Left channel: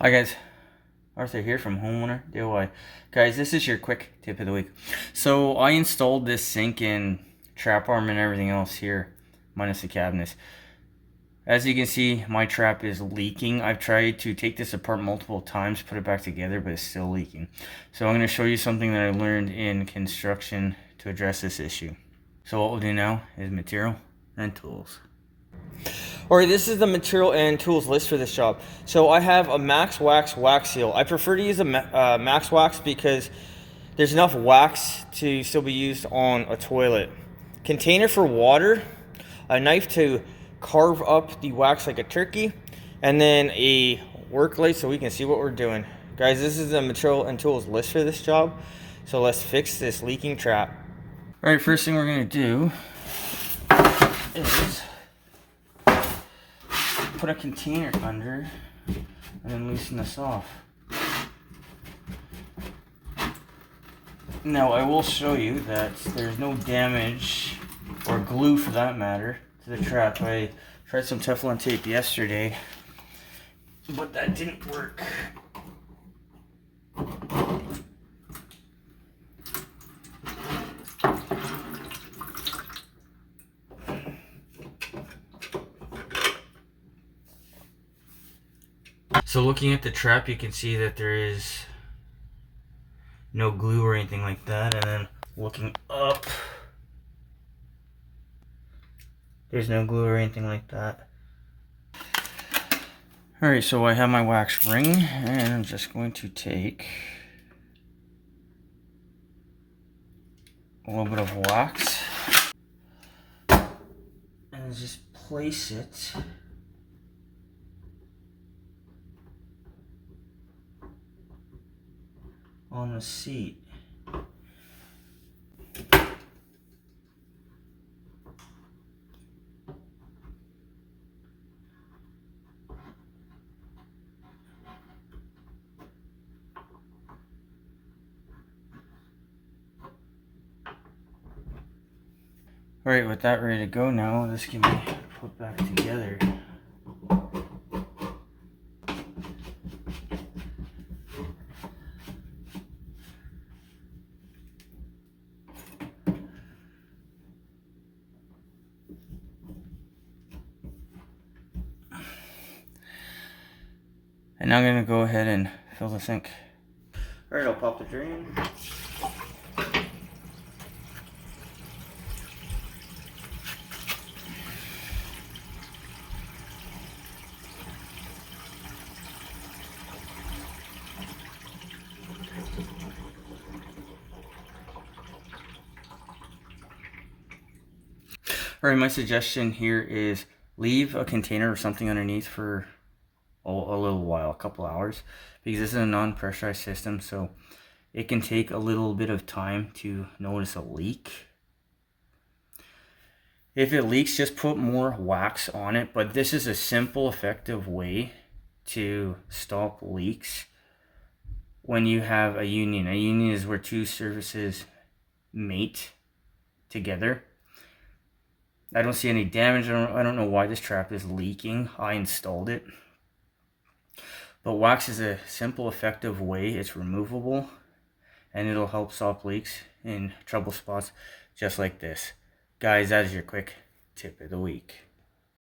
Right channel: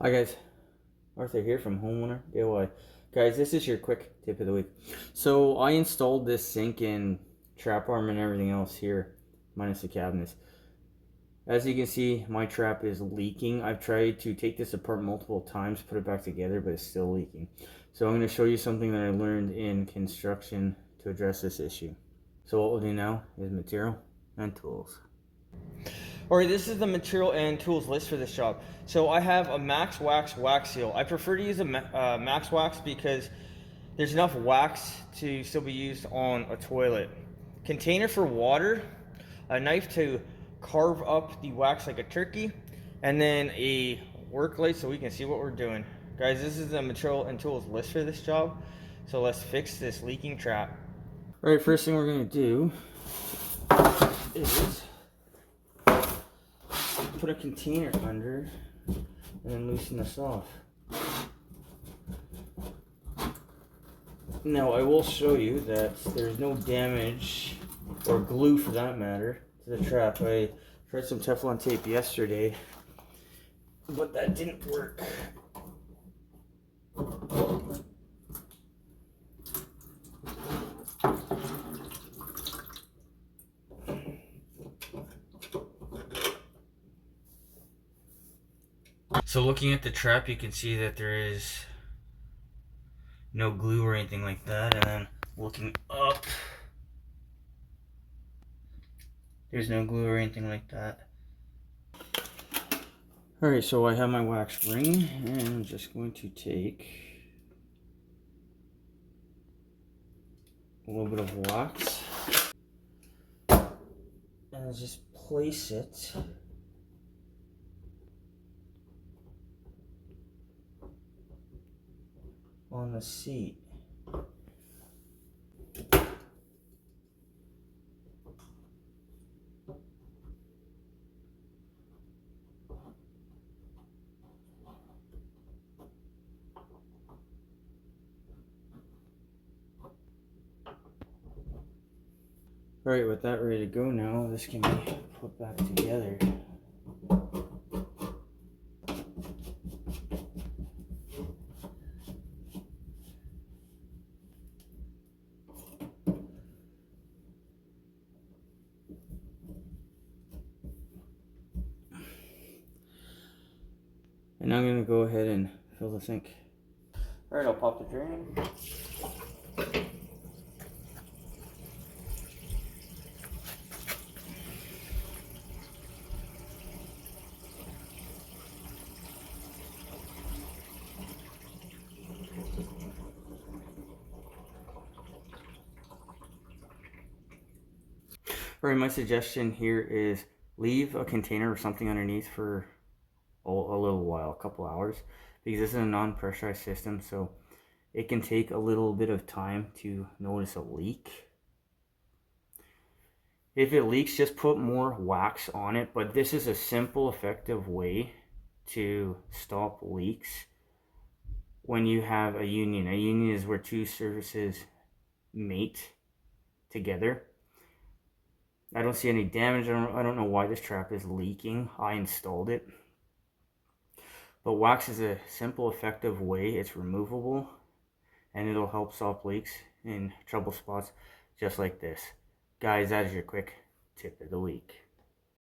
Hi guys, Arthur here from Homeowner DIY. Guys, this is your quick tip of the week. So I installed this sink and trap arm and everything else here, minus the cabinets. As you can see, my trap is leaking. I've tried to take this apart multiple times, put it back together, but it's still leaking. So I'm going to show you something that I learned in construction to address this issue. So what we'll do now is material and tools. Alright, this is the material and tools list for this job. So I have a Max Wax wax seal. I prefer to use a Max Wax because there's enough wax to still be used on a toilet. Container for water, a knife to carve up the wax like a turkey, and then a work light so we can see what we're doing. Guys, this is the material and tools list for this job. So let's fix this leaking trap. Alright, first thing we're going to do is put a container under and then loosen this off. Now I will show you that there's no damage, or glue for that matter, to the trap. I tried some Teflon tape yesterday, but that didn't work. So looking at the trap, you can see that there is no glue or anything like that, and then looking up, there's no glue or anything like that. Alright, so I have my wax ring, and I'm just going to take a little bit of wax and just place it on the seat. Alright, with that ready to go now, this can be put back together. And now I'm going to go ahead and fill the sink. Alright, I'll pop the drain. Alright, my suggestion here is leave a container or something underneath for a little while, a couple hours, because this is a non-pressurized system, so it can take a little bit of time to notice a leak. If it leaks, just put more wax on it, but this is a simple, effective way to stop leaks when you have a union. A union is where two surfaces mate together. I don't see any damage. I don't know why this trap is leaking. I installed it. But wax is a simple, effective way. It's removable, and it'll help stop leaks in trouble spots just like this. Guys, that is your quick tip of the week.